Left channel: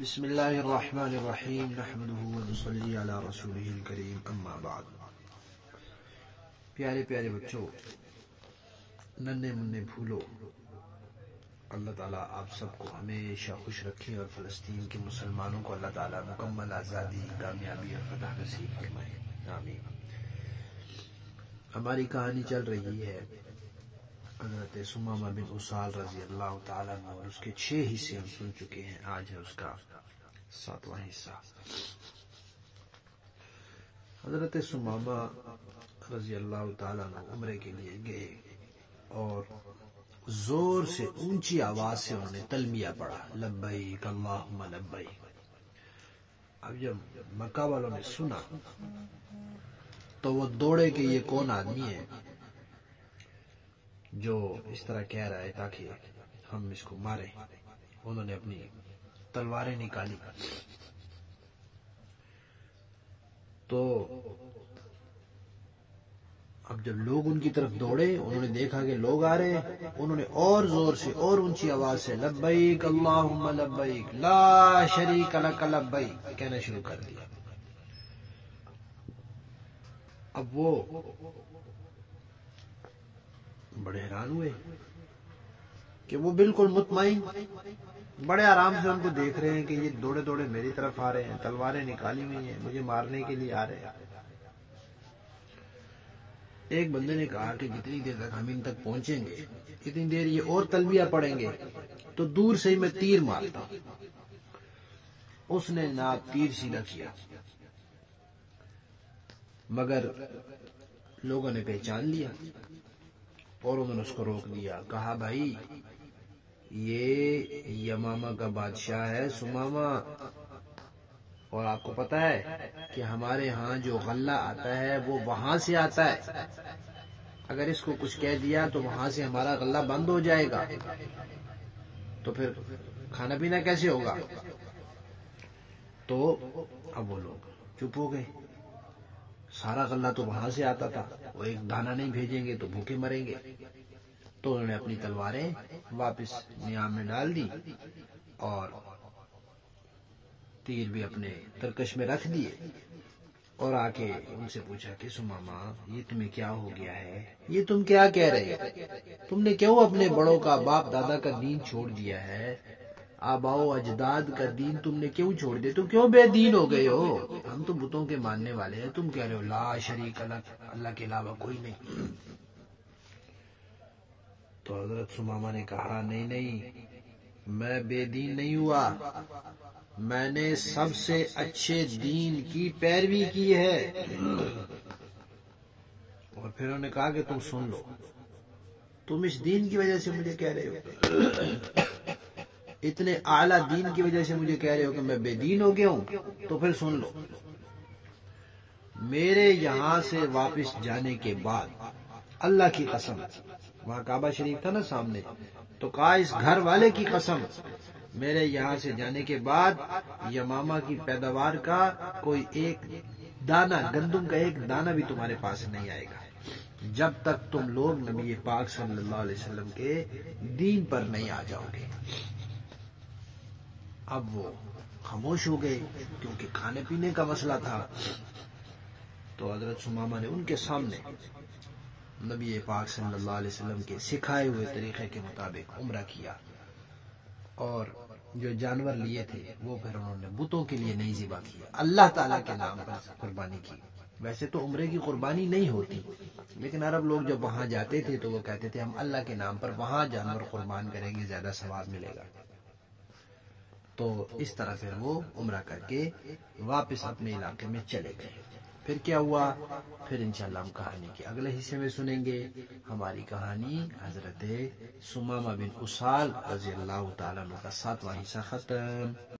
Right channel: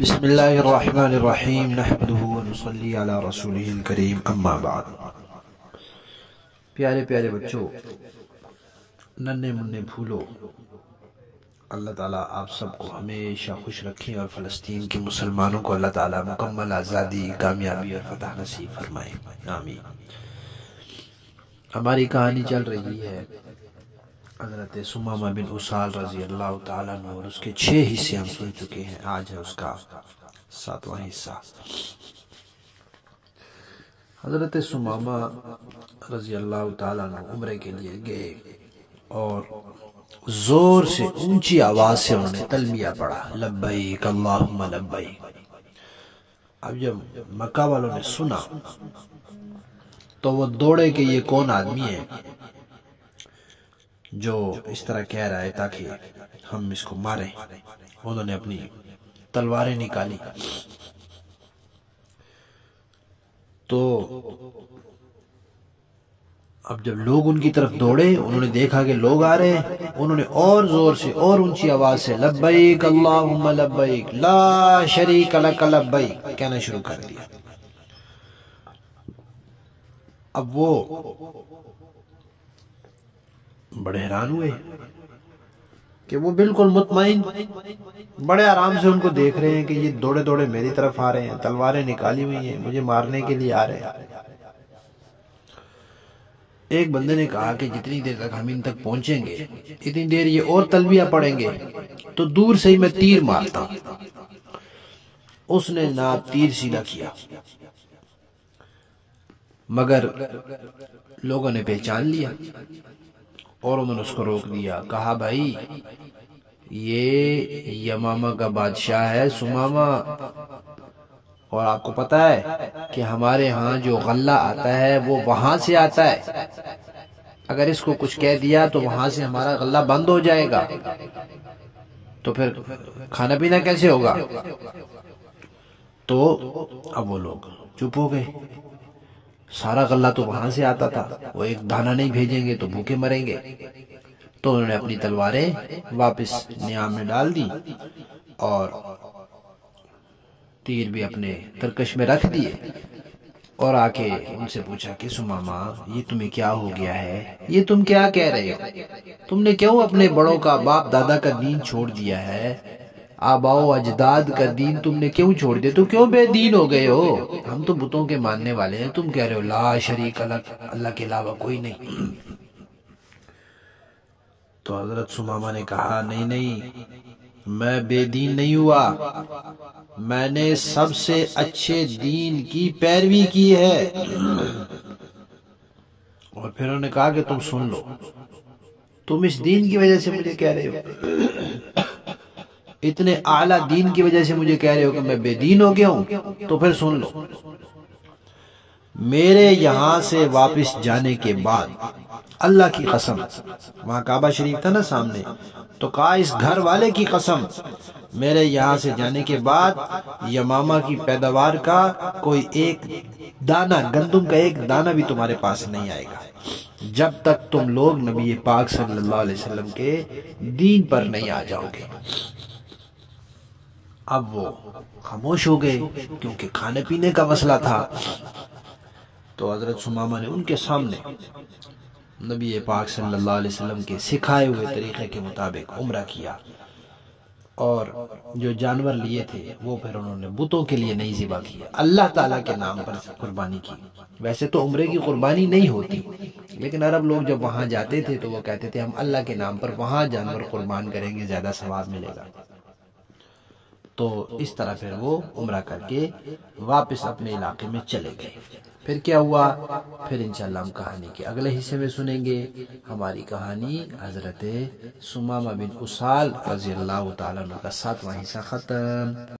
بسم اللہ الرحمن الرحیم نحمدہ ونصلی علی رسولہ الکریم اما بعد۔ پیارے پیارے بچوں، ننھے منھے پھولو، اللہ تعالیٰ آپ سب کو ہمیشہ خوش رکھیں اور فلسطین کے مسلمانوں کو اللہ تعالیٰ مکمل آزادی، کامیابی اور فتح نصیب فرمائے، آمین۔ ہماری کہانی چل رہی ہے حضرت ثمامہ بن اسال رضی اللہ تعالیٰ عنہ، اور اس کے 6 حصے ہم سن چکے ہیں، آج ہے اس کا 7واں حصہ۔ حضرت ثمامہ رضی اللہ تعالیٰ عنہ عمرے کے لیے گئے اور زور سے اونچی آواز سے انہوں نے تلبیہ پڑھا، لبیک اللہم لبیک۔ اب جب مکہ والوں نے سنا تو وہ دوڑے کہ یہ کون آدمی ہے جو اس طرح کہہ رہا ہے تاکہ ہم اس کو ماریں۔ انہوں نے اپنی تلواریں نکالی تو اب جب لوگ ان کی طرف دوڑے، انہوں نے دیکھا کہ لوگ آ رہے ہیں، انہوں نے اور زور سے اور اونچی آواز سے لبیک اللہم لبیک لا شریک لک لبیک کہنا شروع کر دیا۔ اب وہ بڑے حیران ہوئے کہ وہ بالکل مطمئن، بڑے آرام سے ان کو دیکھ رہے ہیں کہ یہ دوڑے دوڑے میری طرف آ رہے ہیں، تلواریں نکالی ہوئی ہیں، مجھے مارنے کے لیے آ رہے ہیں۔ ایک بندے نے کہا کہ جتنی دیر تک ہم ان تک پہنچیں گے، اتنی دیر یہ اور تلبیہ پڑھیں گے تو دور سے ہی میں تیر مارتا ہوں۔ اس نے ناپ تیر سیدھا کیا، مگر لوگوں نے پہچان لیا اور انہوں نے اس کو روک دیا، کہا بھائی یہ یمامہ کا بادشاہ ہے ثمامہ، اور آپ کو پتہ ہے کہ ہمارے ہاں جو غلہ آتا ہے وہ وہاں سے آتا ہے، اگر اس کو کچھ کہہ دیا تو وہاں سے ہمارا غلہ بند ہو جائے گا، تو پھر کھانا پینا کیسے ہوگا؟ تو اب وہ لوگ چپ ہو گئے، سارا غلہ تو وہاں سے آتا تھا، وہ ایک دانہ نہیں بھیجیں گے تو بھوکے مریں گے۔ تو انہوں نے اپنی تلواریں واپس نیام میں ڈال دی اور تیر بھی اپنے ترکش میں رکھ دیے، اور آ کے ان سے پوچھا کہ ثمامہ یہ تمہیں کیا ہو گیا ہے، یہ تم کیا کہہ رہے ہو؟ تم نے کیوں اپنے بڑوں کا، باپ دادا کا دین چھوڑ دیا ہے، آباؤ اجداد کا دین تم نے کیوں چھوڑ دیا؟ تو کیوں بے دین ہو گئے ہو؟ ہم تو بتوں کے ماننے والے ہیں، تم کہہ رہے ہو لا شریک لک، اللہ کے علاوہ کوئی نہیں۔ تو حضرت ثمامہ نے کہا نہیں نہیں، میں بے دین نہیں ہوا، میں نے سب سے اچھے دین کی پیروی کی ہے۔ اور پھر انہوں نے کہا کہ تم سن لو، تم اس دین کی وجہ سے مجھے کہہ رہے ہو، اتنے اعلیٰ دین کی وجہ سے مجھے کہہ رہے ہو کہ میں بے دین ہو گیا ہوں، تو پھر سن لو، میرے یہاں سے واپس جانے کے بعد اللہ کی قسم، وہاں کعبہ شریف تھا نا سامنے، تو کہا اس گھر والے کی قسم، میرے یہاں سے جانے کے بعد یمامہ کی پیداوار کا کوئی ایک دانہ، گندم کا ایک دانہ بھی تمہارے پاس نہیں آئے گا، جب تک تم لوگ نبی پاک صلی اللہ علیہ وسلم کے دین پر نہیں آ جاؤ گے۔ اب وہ خاموش ہو گئے کیونکہ کھانے پینے کا مسئلہ تھا۔ تو حضرت ثمامہ نے ان کے سامنے نبی پاک صلی اللہ علیہ وسلم کے سکھائے ہوئے طریقے کے مطابق عمرہ کیا، اور جو جانور لیے تھے وہ پھر انہوں نے بتوں کے لیے نہیں ذبح کیا، اللہ تعالیٰ کے نام پر قربانی کی۔ ویسے تو عمرے کی قربانی نہیں ہوتی، لیکن عرب لوگ جب وہاں جاتے تھے تو وہ کہتے تھے ہم اللہ کے نام پر وہاں جانور قربان کریں گے، زیادہ ثواب ملے گا۔ تو اس طرح پھر وہ عمرہ کر کے واپس اپنے علاقے میں چلے گئے۔ پھر کیا ہوا؟ پھر انشاءاللہ ہم کہانی کے اگلے حصے میں سنیں گے۔ ہماری کہانی حضرت ثمامہ بن اسال رضی اللہ تعالیٰ عنہ کا 7واں حصہ ختم۔